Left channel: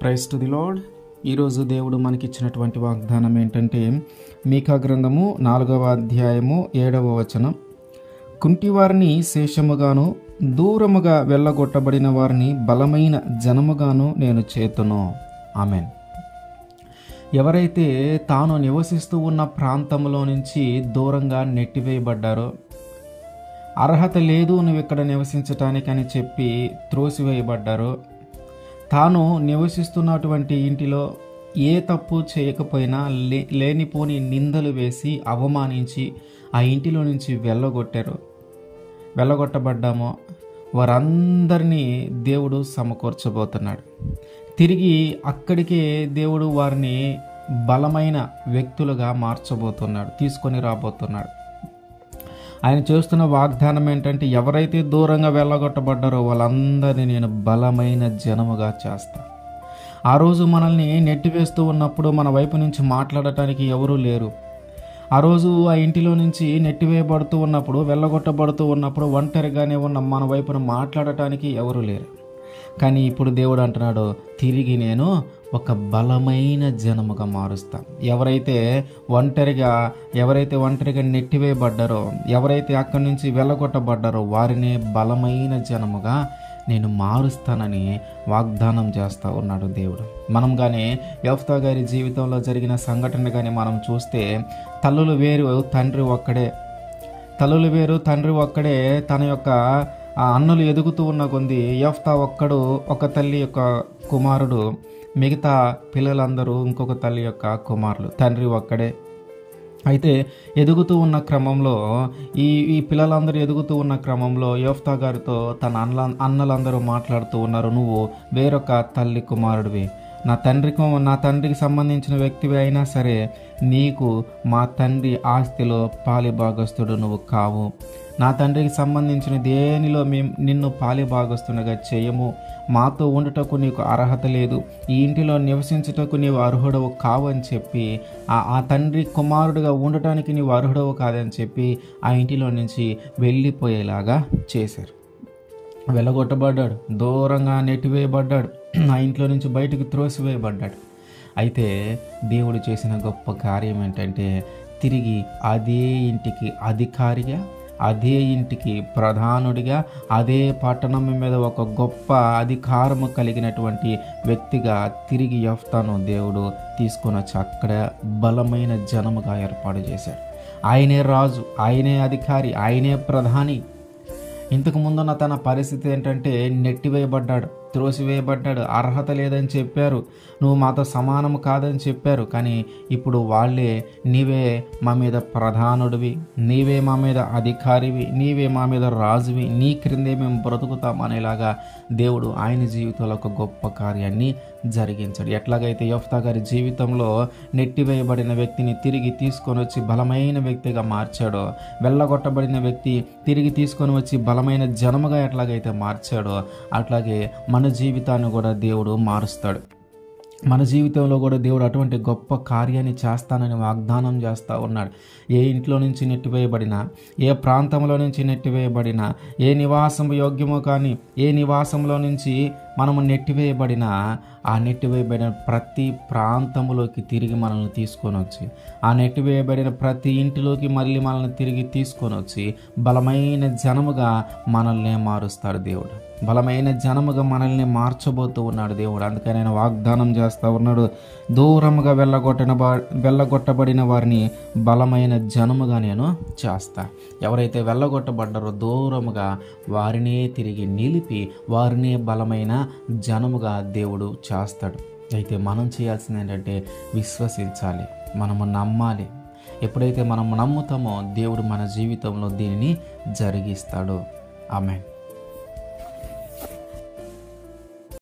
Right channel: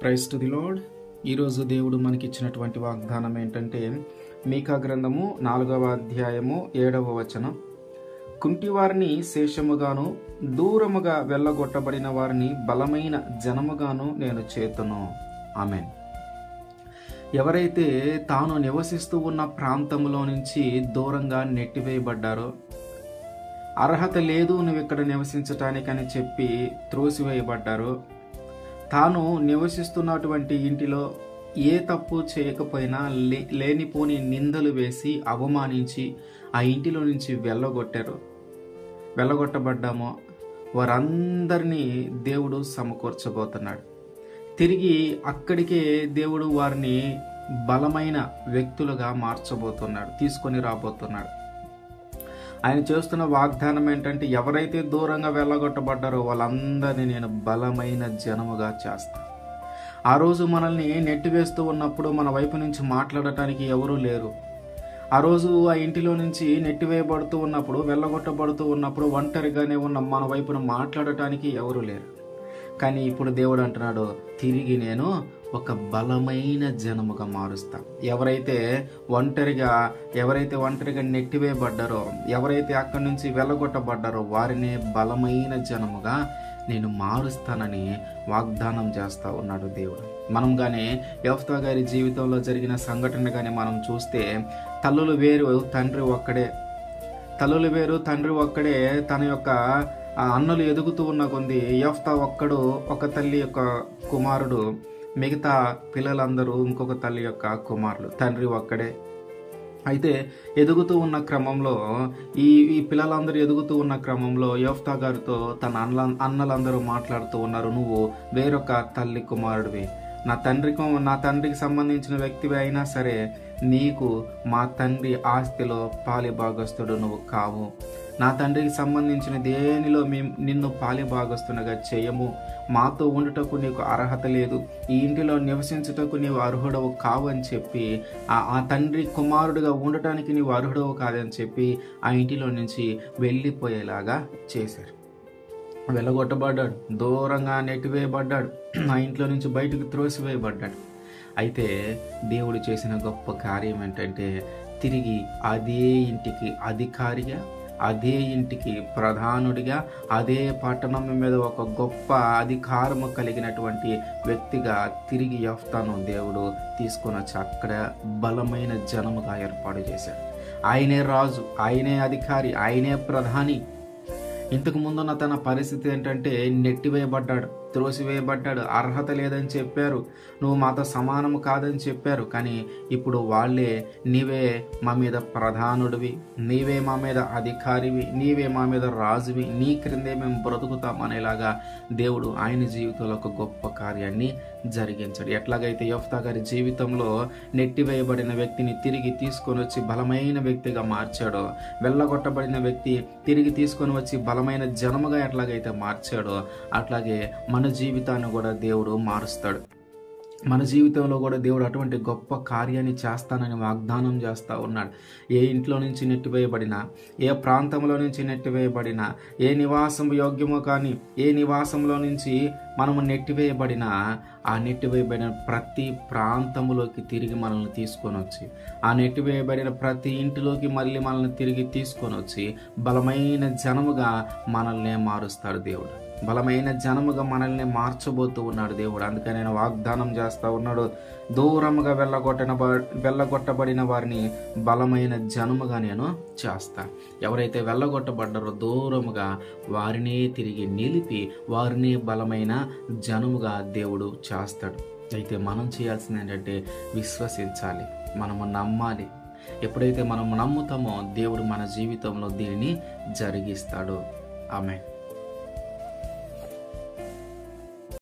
Praise to the lord. ఈరోజు దేవుడు మనకిచ్చినటువంటి వాగ్దానం ఏంటంటే, మీకా గ్రంథము 4వ అధ్యాయము 7వ వచనం. కుంటివారిని శేషముగాను, దూరముగా వెళ్ళగొట్టబడిన వారిని బలమైన జనముగాను నేను చేతును. ఆమేన్. ఎవరైతే తాను నివసిస్తూ ఉన్న ప్రాంతంలో నుంచి దూరంగా నెట్టివేయబడ్డారో, అర్హత లేదు నువ్వు ఇక్కడ నివసించటానికని చెప్పి త్రోసివేయబడ్డారో, తాను నివసిస్తున్నటువంటి ఇంటిలో ఏ తప్పు చేయకపోయినా లేనిపోని నిందలు వేసి అవమానించి ఆ ఇంటిలో నుంచి వెళ్ళగొట్టబడ్డామో వారందరినీ దేవుడు సమకూర్చబోతున్నాడు. తిరిగి అక్కడికే దేవుడు వారిని బలమైన వ్యక్తులుగా మార్చబోతున్నాడు, తీసుకొని రాబోతున్నాడు. ఆయన చేస్తున్న వాగ్దానం ఏంటంటే, ఎవరైతే దూరంగా వెళ్ళగొట్టబడ్డారో వాళ్ళందరినీ నేను బలమైన జనముగా చేస్తాను. ఆ రోజు మనల్ని నెట్టివేస్తూ ఉన్నప్పుడు మన వైపు నుంచి మాట్లాడటానికి ఎవరూ లేరు. ఆ రోజు ఆ ఇంటిలో నుంచి నెట్టివేయబడుతూ ఉన్నప్పుడు, వెళ్ళగొట్టబడుతూ ఉన్నప్పుడు ఒంటరిగానే ఉన్న మన వైపున మాట్లాడటానికి ఎవరూ లేరు. కానీ ఇప్పుడు దేవుడు అంటున్నాడు, తిరిగి నేను ఒక బలమైన జనముగా మారుస్తాను. ఎవరైతే ఒంటరిగా నెట్టివేయబడ్డారో, ఎవరైతే అక్కడి నుంచి వెళ్ళగొట్టబడ్డారో వారిని బలమైన జనముగా నేను మారుస్తానని వాగ్దానం చేస్తూ ఉన్నాడు దేవుడు. మనం కానీ యెఫ్తా గారి జీవితంలో జరిగిన సంఘటన కానీ మనం చూస్తే, తల్లులు వేరు తండ్రి ఒక్కడే. తన యొక్క అన్నులు ఎదుగుతూ ఉన్న కొంది యెఫ్తా ఒక్కడు ఒక తల్లి యొక్క కుమారుడు, మిగతా పిల్లలందరూ ఇంకొక తల్లి యొక్క కుమారులు, తండ్రి ఒక్కడే. అయితే ఎదుగుతూ ఉన్న క్రమంలో ఈ పిల్లలందరూ ఎదుగుతూ ఉన్న క్రమంలో యెఫ్తా గారితో తన అన్నలందరూ మాట్లాడుతూ ఉన్నారు, నువ్వు వేరొక తల్లి కుమారుడివి, నా తండ్రికి సంబంధించిన వ్యక్తివి అయినా సరే నీకు మా తండ్రి ఆస్తిలో పాలిభాగస్తుడు నువ్వు కావు. నా తండ్రికి సంబంధించిన దేనిలో మేము నిన్ను పాలిభాగస్తునిగా చేయము. మాతో ఉండుటకు నీకు అర్హత లేదు, ఈ ఇంటిలో నివసించుటకు నీవు అర్హుడవు కావు అని చెప్పి, ఆ తండ్రి కుమారుడుగా ఉండటానికి నీవు అర్హుడవు కాదని చెప్పి ఆ ఇంటిలో నుంచి వెళ్ళిపోయేలాగా చేశారు. వెళ్ళగొట్టబడ్డాడు, దూరంగా నెట్టివేయబడ్డాడు, ఆ ఇంట్లో నుంచి బయటకు త్రోసివేయబడ్డాడు. అయితే దేవుడు చేసిన గొప్ప కార్యం ఏంటంటే, తిరిగి అదే ఇంటికి అధికారిగా, అదే ఇంటికి ప్రధానుడిగా, అదే పట్టణం మీద ఒక గొప్ప అధికారము కలిగినటువంటి వ్యక్తిగా తిరిగి యెఫ్తాను దేవుడు తీసుకొని వచ్చి అక్కడ బలమైన జనముగా ఏర్పాటు చేశాడు. ఆయనే రాజు, ఆయనే అధికారి, ఆయనే ప్రధాని. ఇంతకు ముందున్న తన పరిస్థితి ఏంటంటే, నెట్టివేయబడ్డాడు, త్రోసివేయబడ్డాడు, అర్హత లేదని చెప్పారు, నువ్వు మాతో సమానము కాదని చెప్పారు. కానీ ఇప్పుడు వాళ్ళే, నీవే మా మీద ప్రధానుడివి, నీవే మా మీద అధికారివి, నీవే మా మీద రాజువి, నీ క్రిందే మేము బ్రతుకుతాం అనేలాగా దేవుడు ఆయన జీవితంలో ఒక గొప్ప కార్యాన్ని జరిగించాడు. ఎట్లాగైతే యెఫ్తా గారి జీవితంలో నెట్టివేయబడిన వ్యక్తిని తిరిగి తీసుకొని వచ్చి బలమైన వ్యక్తిగా మార్చాడో, వెళ్ళగొట్టబడిన వ్యక్తి తిరిగి తీసుకొని వచ్చి బలమైన జనముగా ఎట్లాగైతే మార్చాడో, అట్లాగే మన జీవితాన్ని కూడా దేవుడు మారుస్తాడు. మన జీవితంలో కూడా దేవుడు అటువంటి గొప్ప కార్యాన్ని చేస్తానని వాగ్దానం చేస్తూ ఉన్నాడు. ఏ ఇంట్లో నుంచి నెట్టివేయబడినా, ఏ ప్రాంతంలో నుంచి నెట్టివేయబడినా, ఏ నివాసం యోగ్యమో కానీ ఏ నివాసంలో నుంచి మనము నెట్టివేయబడినా, ఆ నెట్టివేయబడిన ప్రతి ప్రాంతంలోకి తిరిగి మనల్ని తీసుకొని వచ్చి, ఆ నెట్టివేయబడిన ప్రతి ఇంటిలోకి మళ్ళీ మనల్ని తిరిగి తీసుకొని వచ్చి బలమైన జనముగా మనల్ని మారుస్తాడు దేవుడు. బలమైన జనముగా మనల్ని మార్చబోతూ ఉన్నాడు దేవుడు. అందుకని ఆయన వాగ్దానం చేస్తూ ఉన్నాడు, దూరముగా వెళ్ళగొట్టబడిన వారిని బలమైన జనముగా నేను చేస్తా. ఎవరైతే వెళ్ళగొట్టబడ్డారో దూరముగా వారినే తిరిగి నిలిపి వారినే బలమైన జనముగా దేవుడు చేస్తాడు. అయితే మనం చేయాల్సింది ఏంటంటే, విశ్వసించాలి, మనము నమ్మాలి. ఎప్పుడైతే మనం నమ్ముతామో దేవుడు మన జీవితంలో దీనిని జరిగిస్తాడు. ఆమేన్.